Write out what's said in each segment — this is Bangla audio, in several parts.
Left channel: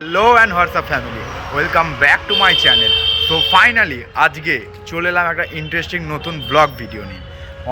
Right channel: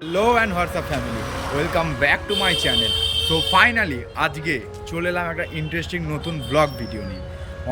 Hello and WhatsApp family, welcome back to my channel. So finally আজকে চলে এলাম একটা ইন্টারেস্টিং নতুন ব্লগ ভিডিও নিয়ে।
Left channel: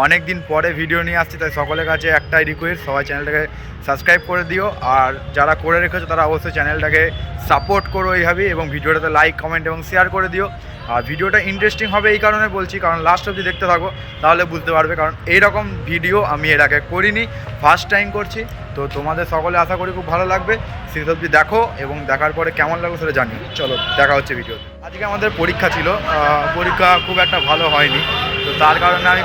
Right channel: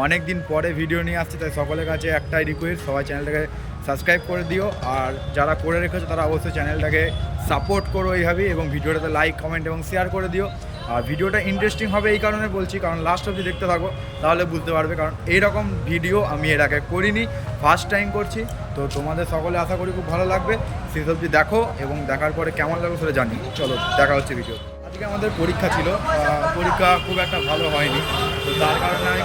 অনেক দিন পরে ভিডিও নিয়ে আসছি, তাই সকলের কাছে একটাই রিকোয়েস্ট, সবাই চ্যানেলটাকে সাবস্ক্রাইব করে দিও। আর যারা করে রেখেছো তারা অবশ্যই চ্যানেলটাকে সাপোর্ট করো এইভাবেই, এবং ভিডিওটাতে লাইক, কমেন্ট এবং শেয়ার করে দিও। আর ভিডিওটা ইন্টারেস্টিং হবে এই কারণে বলছি, কারণ লাস্ট অবধি দেখতে থাকো, তাহলে বুঝতে পারবে। কারণ এইরকম ভিডিও আমি এর আগে করিনি, ফার্স্ট টাইম করছি। তো তোমাদের সকলে আশা করি খুব ভালো লাগবে। শেষ অবধি দেখো এবং দেখার পরে কেমন লাগবে সেটা জানিও। চলো দেখা হচ্ছে ভিডিও। আজকে আমাদের পরীক্ষা ছিল, পরীক্ষা খুব একটা ভালো হয়নি। তো তার কারণে আমি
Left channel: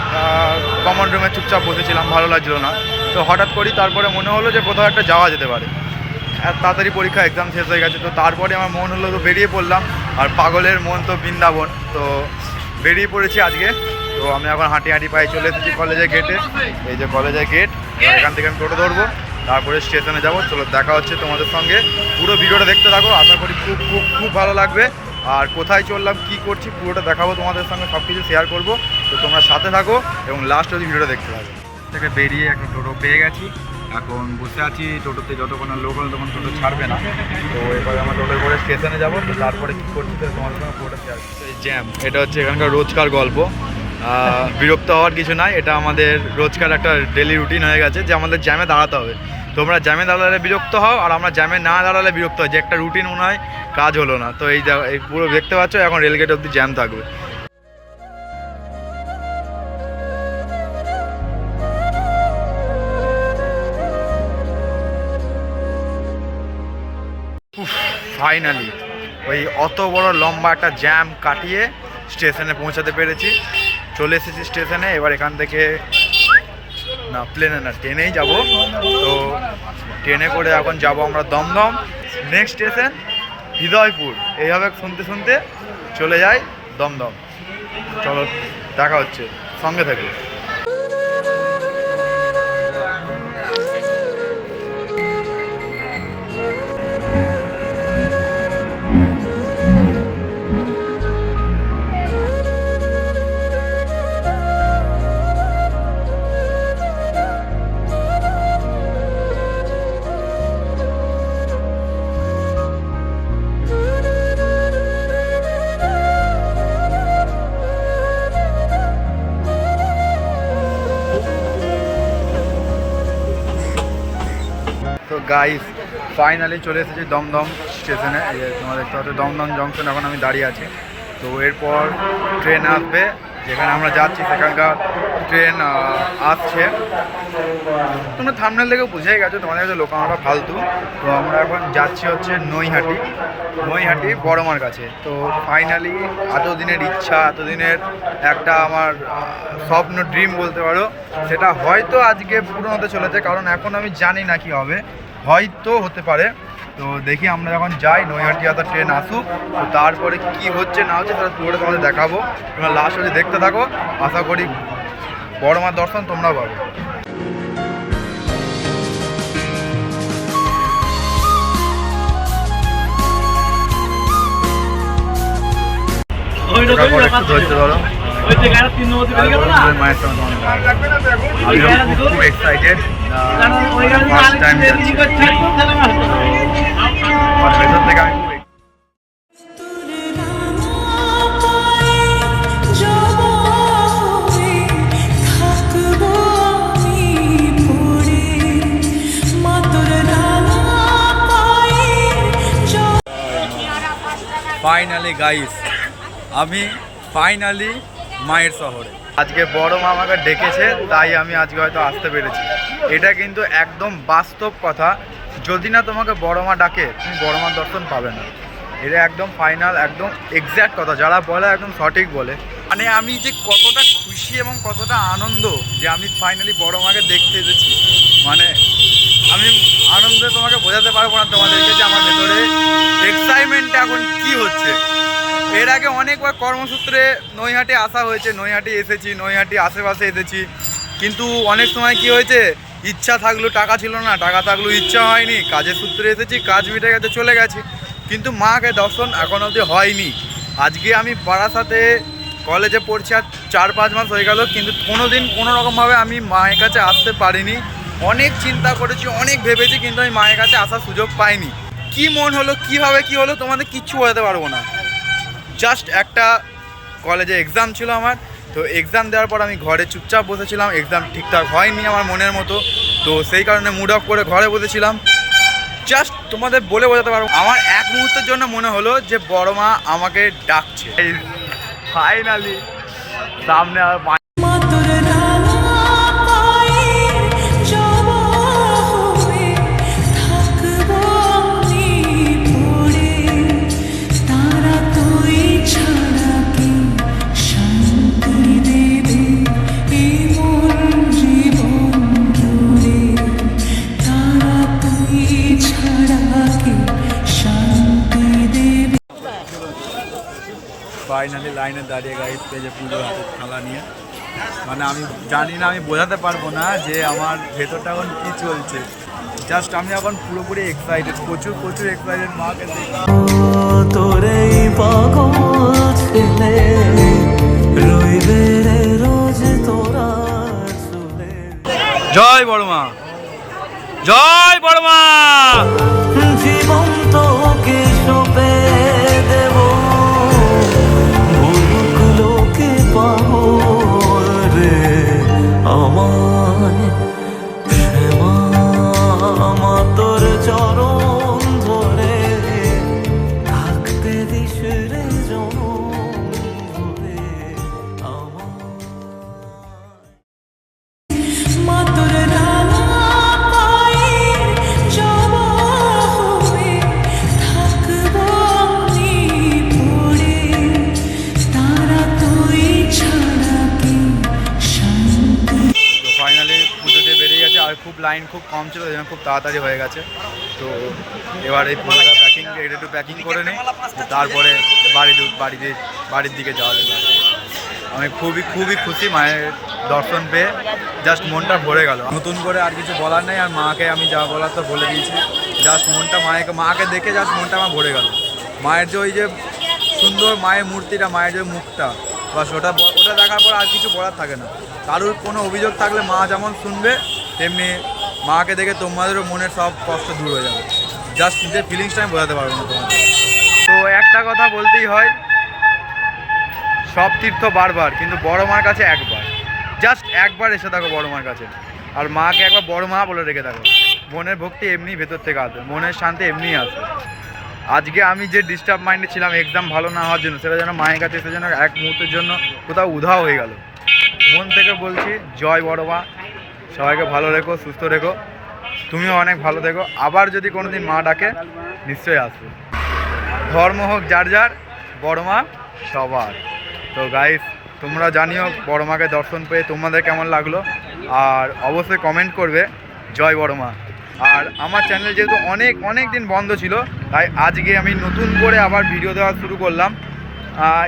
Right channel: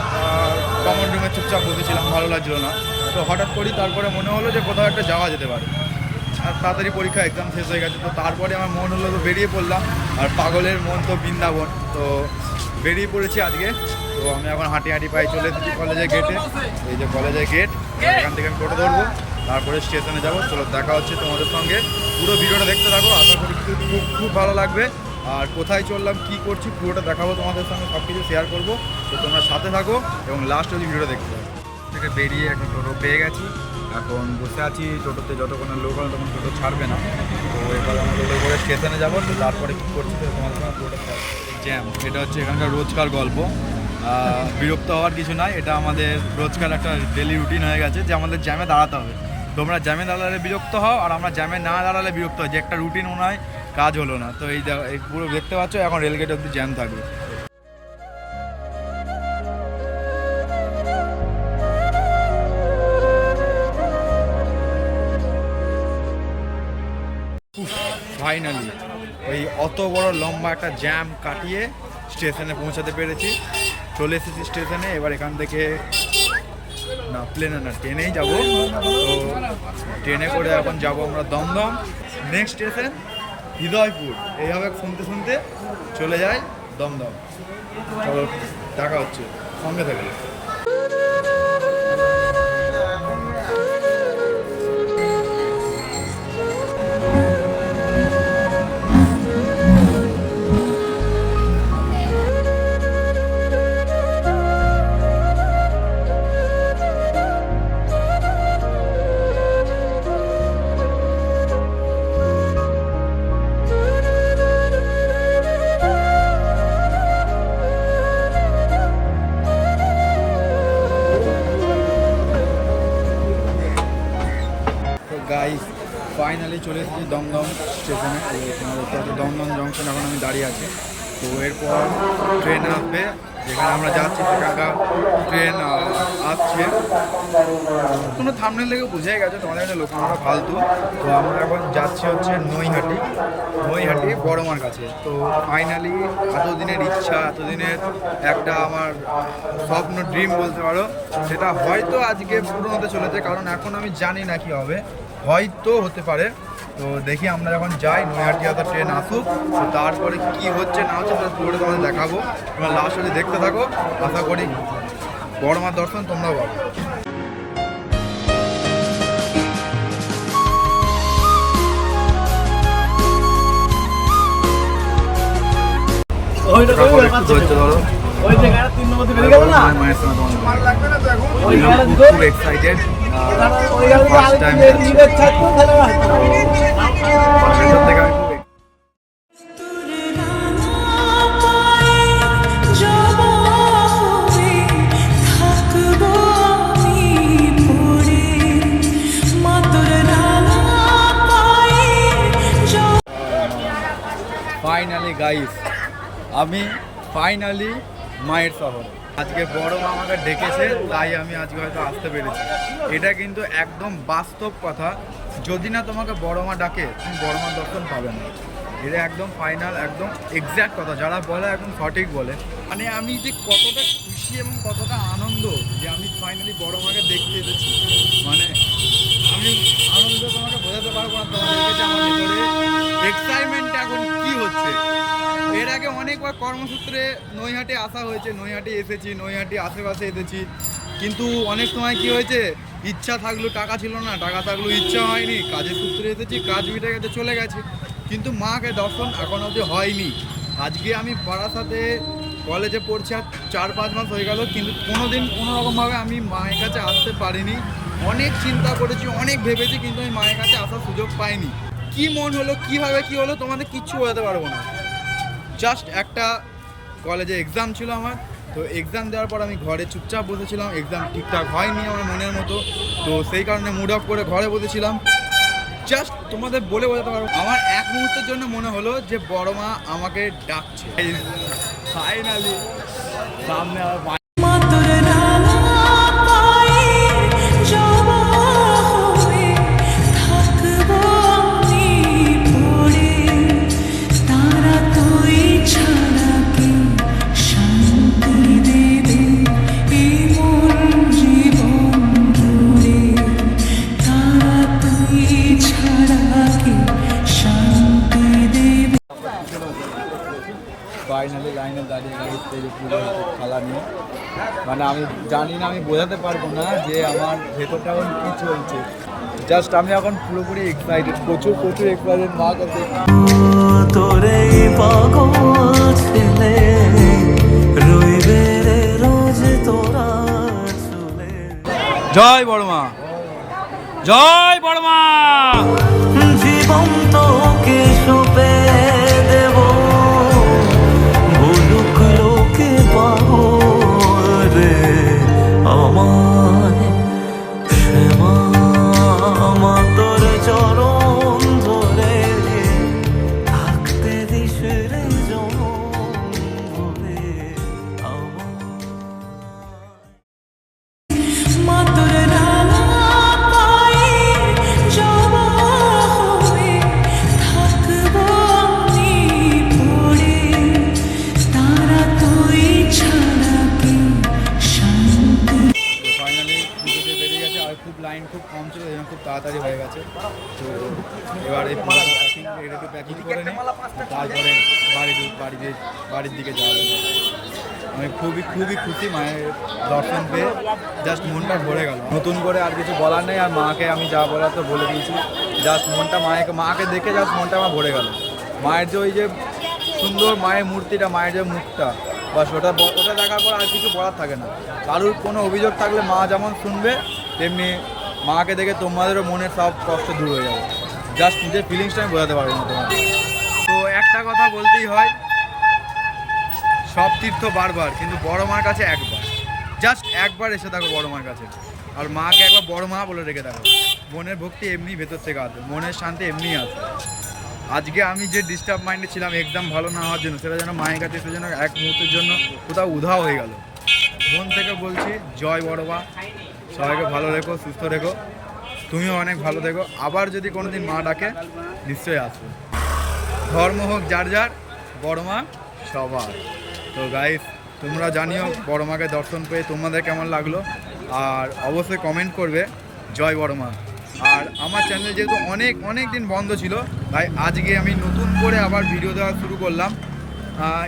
কমন রুমে চুপচাপ বসেছিলাম, ভালো লাগছিল না। তো হঠাৎ করেই তারপরে মনে হলো যে কোথাও একটা যাওয়া যেতে পারে। আর তাড়াতাড়ি পরীক্ষা এক্সাম শেষ হয়ে গেছে, তো তারপরে আমার মন হলো তো বেরিয়ে পড়লাম। আর পাগলের মন তো বৃন্দাবন, তো বেরিয়ে পড়েছি আজকে। তো আমি এখন হাঁটি হাঁটি পায়ে চলে এসেছি কলেজের গেটে। এই যে কলেজের গেট, এখান থেকে আমি টোটো ধরবো, তারপরে স্টেশনে যাবো। চলো দেখা হচ্ছে তোমাদের সঙ্গে, পুরো ভিডিওটা দেখতে থাকো, আশা করি খুব খুব খুব ভালো লাগবে। আর কোথায় চললাম, কি করছি, পুরোটা দেখাবো তোমাদের সঙ্গে, সব কিছু শেয়ার করবো। তো তোমরা সাথে থাকো এবং লাস্ট অবধি ভিডিওটা দেখতে থাকো। থেকে বেরিয়ে একটা টোটো পেয়ে গেছি, এখন বসে আছি টোটোতে। যতক্ষণ লোক হলে তখন টোটো ছাড়বে না। তো এবার আমরা টোটো করে স্টেশনে যাবো। তো তারপরে কী করছি তোমাদের সঙ্গে পুরোটা শেয়ার। এই জ্যাম, এটা হচ্ছে এখানকার রোজকার গল্প। বিরক্ত হওয়ার কিছু নাই, এটা আমাদের রোজকার একটা ডেলি রুটিন হয়ে গেছে যে আমাদের জ্যামে দাঁড়াতে হবে। তোমরা জ্যামে দাঁড়ালে বিরক্ত হও, আর আমরা জ্যামে না দাঁড়ালে বিরক্ত হয়, যে একটা রুটিন মনে হয় কাজ হলো না। তো এই পুরো দেখতে পাচ্ছ, এখন রেলগেট অবধি জ্যাম থাকবে। ফাইনালি ওই অত বড় লম্বা একটা জ্যাম কাটিয়ে স্টেশনে পৌঁছাতে পেরেছি। চলে এসেছি স্টেশনে। এবার এখান থেকে না প্লেনে না ট্রেনেই যাব। তো ট্রেনে করে এখন যাব আমরা দমদম, নেক্সট স্টেশন হৃদয়পুর। এইভাবে শুনতে শুনতে চলে যাই দমদম। চলো দেখা হচ্ছে, সঙ্গে থাকবে। তো গাইস ফাইনালি চলে এসেছি দমদম স্টেশনে। এই যে তোমরা দেখতে পাচ্ছ দমদম জংশন, এখন আমি দাঁড়িয়ে আছি। তো এরপর ট্রেন আসবে, যেখানে আমরা যাচ্ছি সেখানকার ট্রেন আসছে। তোমরা থাম্বনেল দেখে বুঝেই গেছো, তোমাদের কাছে লোকানোটা ফালতু। তো আমরা এখন যাচ্ছি হচ্ছে নৈহাটি বড়মার কাছে। তো ফাইনালি এতদিনের ইচ্ছা, এতদিনের একটা আমার স্বপ্ন, ড্রিম বলতে পারো, সেটা হয়তো আজকে পূরণ হতে চলেছে। কারণ এখন আমি জানি না কি হবে, হয়তো হতে পারে। তো দেখি আমরা যখন যাই, নৈহাটি আসার ট্রেন আসুক, তো তারপরে কি হচ্ছে না হচ্ছে সেটা পুরোটা তোমাদের দেখাবো। তোমরা লাস্ট অবধি দেখতে থাকো, আশা করি বড়মার দর্শন তোমরাও পাবে। একটু ধৈর্য ধরো, মায়ের সঙ্গে আমি খুব এক্সাইটেড, ফার্স্ট টাইম যাচ্ছি। মানে ভেতর থেকে আমি খুব ফাইনালি গাইস, আমি ফাইনালি মায়ের শহরে। আজকে বড় মা আমাকে ডেকেছে, তাই আমি আজকে হয়তো আসতে পেরেছি। এটা কিন্তু একদম বাস্তব কথা, যদি না তোমাকে বড় মা ডাকে তুমি বড় মার দর্শন পাবে না। এটা একদম ফাইনাল, একদম এক্স্যাক্ট কথা, যারা বলে একদম সঠিক বলে। মানে আমি যে কতটা খুশি এবং কতটা আনন্দ যে আমি ফাইনালি বড় মাকে দেখতে এসেছি, মানে আমি আনন্দে তোমাকে বোঝাতে পারবো না তোমাদেরকে যে আমার ভেতরে এক্সাইটমেন্টটা এখন কি হচ্ছে। এর আগে অনেকবার কর্মসূত্রে নৈহাটি আসা হয়েছে, নৈহাটি এসেছি, নৈহাটি আশেপাশে এসেছি, কিন্তু অনেক সময় কি হয়েছে, ইচ্ছা থাকলেও টাকা ছিল না, টাকা থাকলেও ইচ্ছা হয়নি, কাজের সূত্রে এসেছি, কাজ মিটে গেছে চলে গেছি, কিন্তু মাকে দর্শন এখন অবধি হয়নি। আজকে আমি বারাসাতে কলেজে পড়ছি আর 4-5 মাস হয়ে গেল, কিন্তু কোনো দিন কোনো রকমভাবে আমি মায়ের কাছে আসতে পারিনি। অনেক চিন্তা করেছি, অনেক ভেবেছি, কিন্তু আমি মায়ের কাছে আসার সুযোগ পাইনি। কি মন হলো, কীভাবে কি হলো তোমাদের কিচ্ছু বোঝাতে পারবো না। জাস্ট একটা কলেজে এক্সাম ছিল আমার, তো এক্সাম দেওয়ার পর আমি ঘরে চুপচাপ বসেছিলাম। এক্সাম ঠিকঠাক হয়নি আমার মনের মতো, তো সেই কারণে মুড অফ করে ঘরে বসেছিলাম। জাস্ট তোমাদের বলে বোঝাতে পারবো, আমার এক মুহূর্তের জন্য মনে হলো যে বড় মা আমাকে ডাকছে। ফাইনালি সামনে আর ফাইনালি লাইনে দাঁড়িয়ে গাইস পেজে পুজোর হাতে থালা নিয়ে, মানে আমি জানি না, আমি বোঝাতে পারবো না যে আমার ভেতরটা এখন কী চলছে। জাস্ট আমি এখন পুরোপুরি এক্সাইটেড, প্রচুর প্রচুর এক্সাইটেড। মাকে তোরে পাগল ছেলে রইবে রে রোজ তোরা চলে। জয় বড় মা, জয় বড় মা। জীবন তোকে সঁপে দেব, ভুলুক লোকে পাগল রে আমায়। শ্যামা মা তোর চরণ ধরে থাকতে দিস রে জনম ধরে আমায়। মা তোর খুব লাইন খুব কম ছিল, খুব তাড়াতাড়ি হয়ে গেছে। তো এবার এই পুজোটা প্যাকিং, এটা একটু প্যাকিং করে নিই, তারপরে বাড়ির দিকে যাওয়া যাবে। আমি খুবই খুবই খুশি মায়ের দর্শন পেয়ে, জাস্ট মনটা ভরে গেল। নতুন করে আর কিছু বলার নেই, আর মাকে আমি যা বলার তো বলে দিয়েছি। জাস্ট মনটা মাকে দেখে জাস্ট মনটা আমার ভরে গেল। মায়ের যে ওই যে সুন্দর মায়ের মূর্তিটা, মায়ের যে মুখটা, বাস ওটা দেখার পর আর কিছু বলার থাকে না। কারুর কোনো অভিযোগ থাকলে মা যেমন শুনবে, তেমনি মাকে দেখে তোমাদেরও মনের সব কষ্ট দূর হয়ে যাবে। জাস্ট নিজের ফিলিংসটা আমি বোঝাতে পারবো না তোমাদের। তো একটা কথা বলতেই হয়, সব তীর্থ বারবার, কিন্তু বড় মার কাছে একবার। জাস্ট একবার এসে থাকো বড় মার কাছে, আর মাকে একবার বড় মা বলে রেখে থাকো। মনের ভক্তি এমনি ভেতর থেকে আসবে, মনের শান্তি এমনিই আসবে। আজকে আমি যে ডিস্টার্ব মাইন্ডে ছিলাম এক্সাম ভালো না হওয়ার জন্য, সেটা যেন মায়ের কাছে এসে যেন এক মুহূর্তের জন্য কোথাও উধাও হয়ে গেল। মন থেকে বলছি জয় বড় মা, সবাইকে ভালো রেখো, সুস্থ রেখো, তুমিও অনেক ভালো থেকো। আবার যদি কোনো দিন মা ডাকে নিশ্চয়ই আসবে। ধর্ম হোক যার যার, বড় মা সবার। তো গাইস, তোমরা জানিও বড় মাকে দর্শন পেয়ে তোমাদের কেমন লাগলো, আর অবশ্যই কমেন্ট করবে জয় বড় মা। আর আমার চ্যানেল যেহেতু অনেক দিন বন্ধ ছিল, তাই আজকে আমি নতুন করে আবার ভিডিও দেওয়া শুরু করলাম।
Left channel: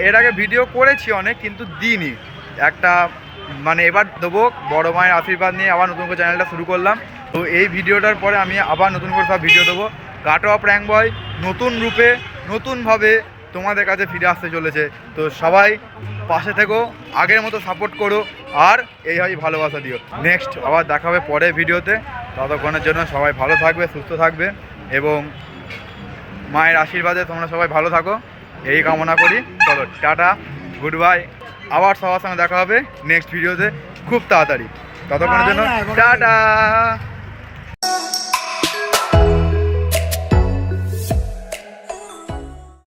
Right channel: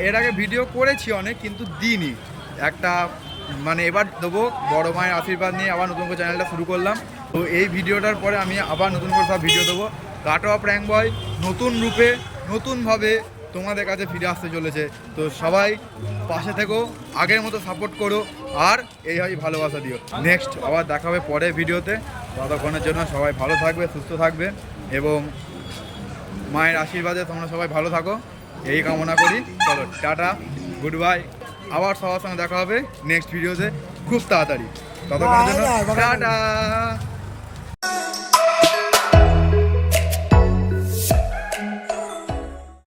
এর আগে ভিডিও করেছি অনেক, কিন্তু দিইনি একটা, মানে এবার দেবো। বড় মায়ের আশীর্বাদ নিয়ে আবার নতুন করে চ্যানেলটা শুরু করলাম। তো এই ভিডিওটার পরে আমি আবার নতুন করে সব ভিডিও দেবো। কাটোয়া প্র্যাঙ্ক বয় নতুন রূপে নতুনভাবে তোমাদের কাছে ফিরে আসতে চলেছে। তো সবাই পাশে থেকো, আগের মতো সাপোর্ট করো, আর এইভাবেই ভালোবাসা দিও। নেক্সট আবার দেখা হবে পরের ভিডিওতে। ততক্ষণের জন্য সবাই ভালো থাকবে, সুস্থ থাকবে, এবং মায়ের আশীর্বাদে তোমরা সবাই ভালো থাকো, এই কামনা করি। চলো টাটা, গুড বাই। আবার সবার সঙ্গে দেখা হবে নেক্সট ভিডিওতে খুব তাড়াতাড়ি। ততক্ষণের জন্য টাটা।